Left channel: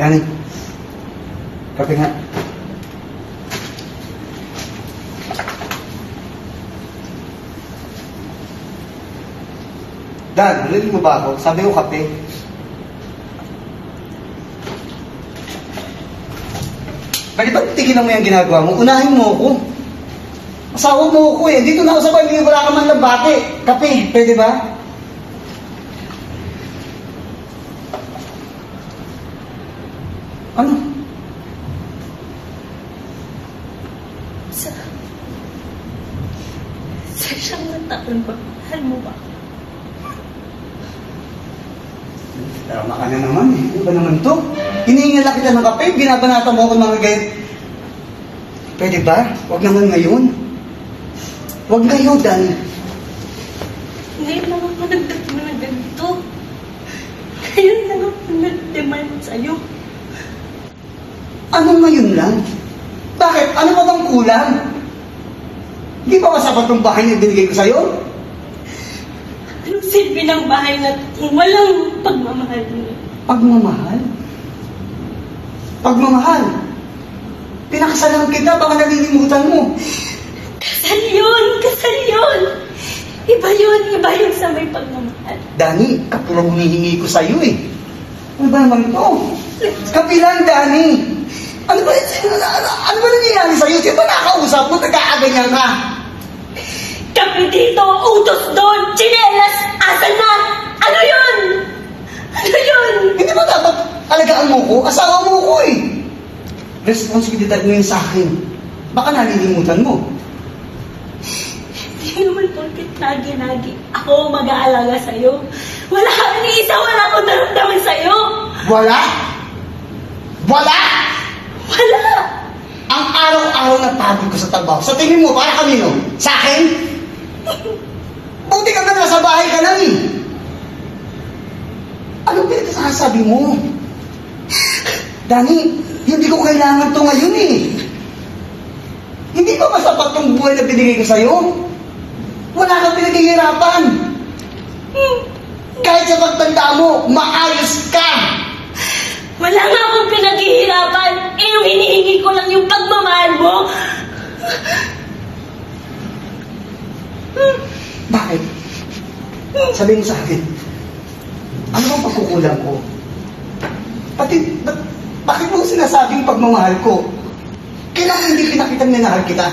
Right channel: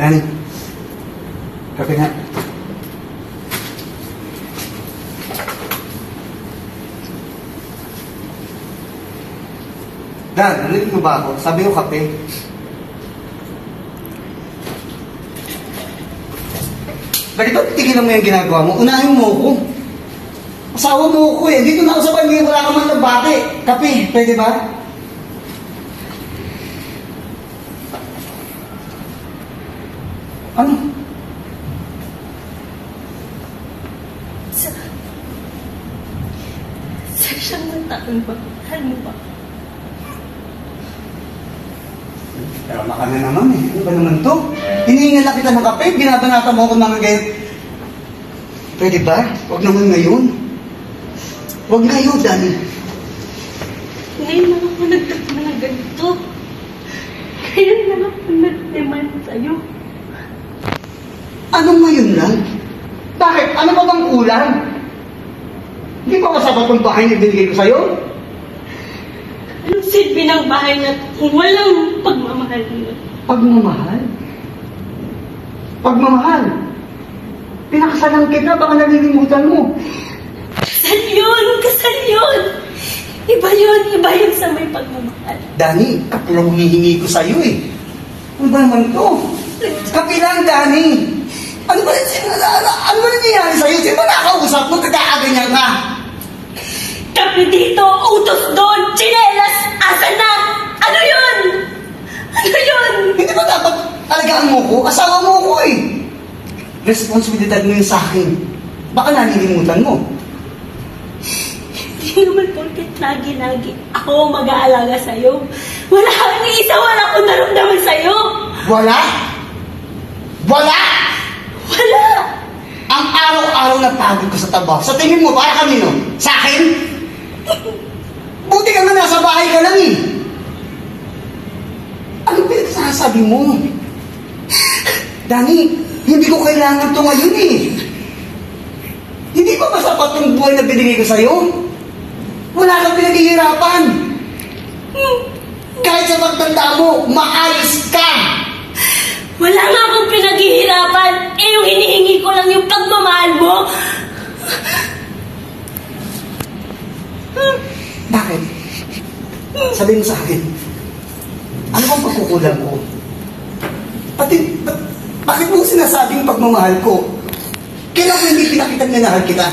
Dani, kape nga. Dan, narinig mo ba ako? Sabi ko kape. Bakit ba tigilan mo yung ginagawa mo? Unahin mo ako. Asawa mo ako eh. Dito na ako sa pamilya, wala ka man lang bate. Kape, pwede ba? Ano? Sa isang taon ba? Mahal mo ba? Tama ka na naman eh. Ano ba naman to? Hinihingal kita ng kape, binabanata mo ako ng ganyan. Pwede ba? Huwag naman ngayon. Huwag ngayon, Dani. Ngayon lang ako nagtapos na ganito. Ngayon lang ako nag-demand sa'yo. Anong ngayon lang? Bakit? Ano pa bang kulang? Hindi ba kasapat ng bahay na ibinigay ko sa'yo? Anong silbi ng bahay na walang pagmamahal mo? Pagmamahal? Pagmamahal? Pinakasalan kita, baka nalilimutan mo. Kasal yun! Kasal yun! Iba yun sa may pagmamahal. Dani, kapula humihingi ko sa'yo eh. Ano ba naman to? Kapilan, Dani! Ano ba nangyayari sa'yo? Sino ba nakausap mo? Nagkakaganyan ka? Kape dito, utos doon, tsinelas, asan na? Ano yun? Ano yun? Hindi ba dapat alagaan mo ko? Asawa mo ko eh. Responsibilidad mo yun sa akin. Baka nalilimutan mo. Hindi naman porket lagi-lagi ako mag-aalaga sa'yo. Wala akong naramdaman sa'yo. Wala? Wala? Wala! Ang araw-araw na pagod ka sa trabaho. Sa tingin mo, para kanino? Sa akin? Buti ka nga nasa bahay ka lang eh. Ano ba ito sasabi mo? Dani, hindi ko kailangan to ngayon eh. Hindi ba masapat yung buhay na binigay ko sa'yo? Wala kang pinaghihirapan. Kahit sa pagtanda mo, maayos ka. Wala nga akong pinaghihirapan. Eh, yung hinihingi ko lang yung pagmamahal mo. Bakit? Sabihin sa akin, ano ang pagkukulang ko? Bakit mo sinasabing pagmamahal ko? Kailan ko hindi pinakitang minahal kita?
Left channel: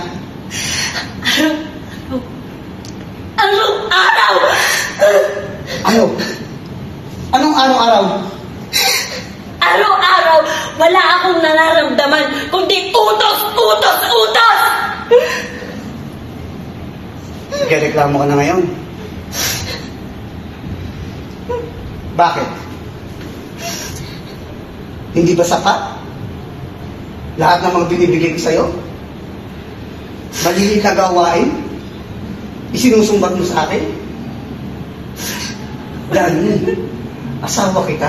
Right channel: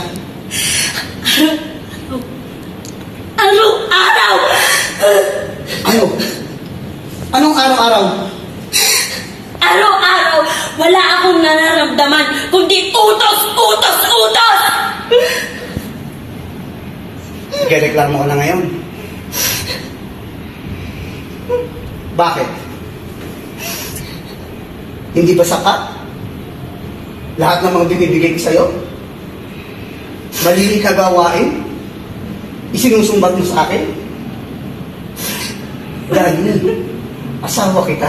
Araw-araw! Ano? Anong araw-araw? Araw-araw, wala akong nararamdaman, kundi utos, utos, utos! Nagreklamo ka na ngayon? Bakit? Hindi ba sapat? Lahat ng mga binibigay ko sa'yo? Mali ka gawain? Isinusumbat mo sa akin? Dahil, asawa kita.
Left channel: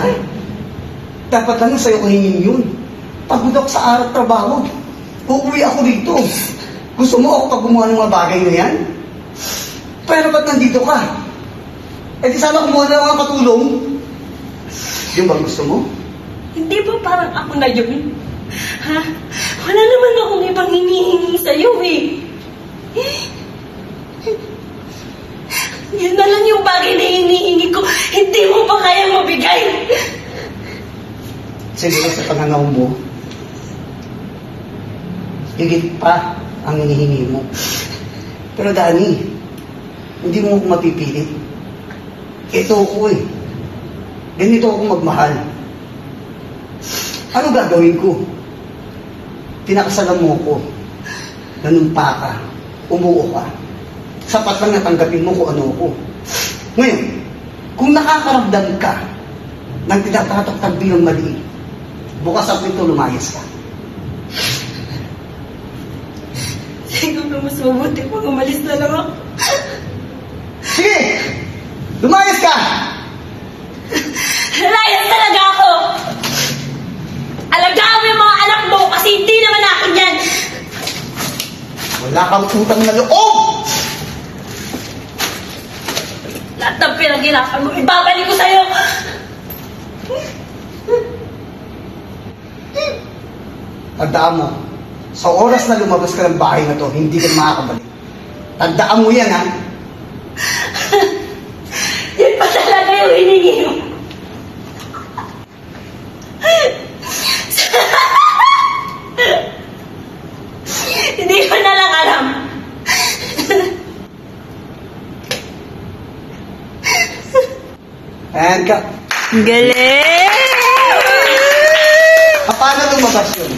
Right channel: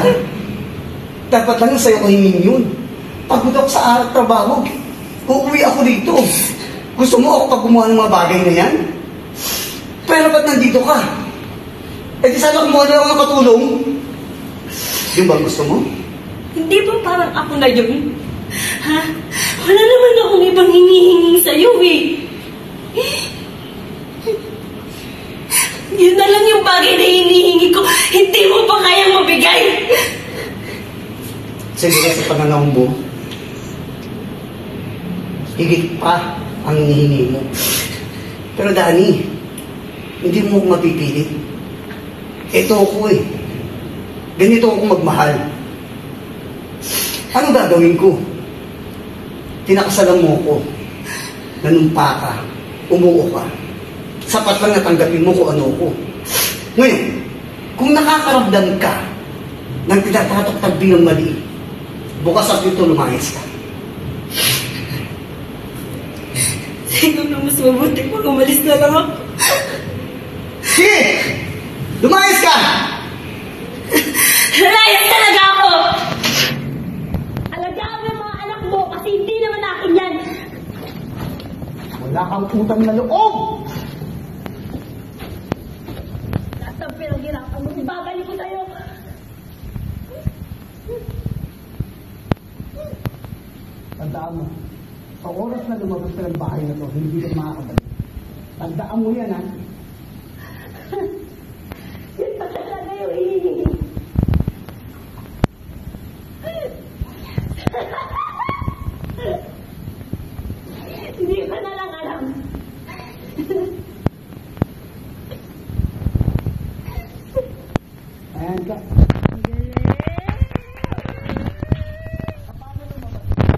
Dapat lang sa'yo ko hingin yun. Pagod ako sa araw trabaho. Uuwi ako dito. Gusto mo ako pag gumawa ng mga bagay na yan? Pero ba't nandito ka? Eh di sana kumuha na mga katulong. Yung bang gusto mo? Hindi ba parang ako na yun? Ha? Wala naman akong ibang hinihingi sa'yo eh. Yun na lang yung bagay na hinihingi ko. Hindi mo pa kayang mabigay. Siguro sa pananaw mo, higit pa ang hinihingi mo. Pero Dani, hindi mo ako mapipilit. Ito ako eh. Ganito ako magmahal. Ano gagawin ko? Pinakasalan mo ko. Nanumpa ka. Umuo ka. Sapat lang natanggapin mo kung ano ko. Ngayon, kung nakakaramdam ka ng tinatatak bilang mali, bukas ang ito, lumayas ka. Siguro mas mabuti pag umalis na lang ako. Sige! Lumayas ka! Layas talaga ako! Alagaan mo yung mga anak mo kasi hindi naman akin yan! Wala kang utang na loob! Lahat ng pinaghirapan mo, ibabalik ko sa'yo! Tandaan mo, sa oras na lumabas ka ng bahay na to, hindi ka makakabalik. Tandaan mo yan, ha? Yan pa talaga yung hiningi mo. Hindi ko na lang alam. Ayan ka. Galing! Paano lumabas yun?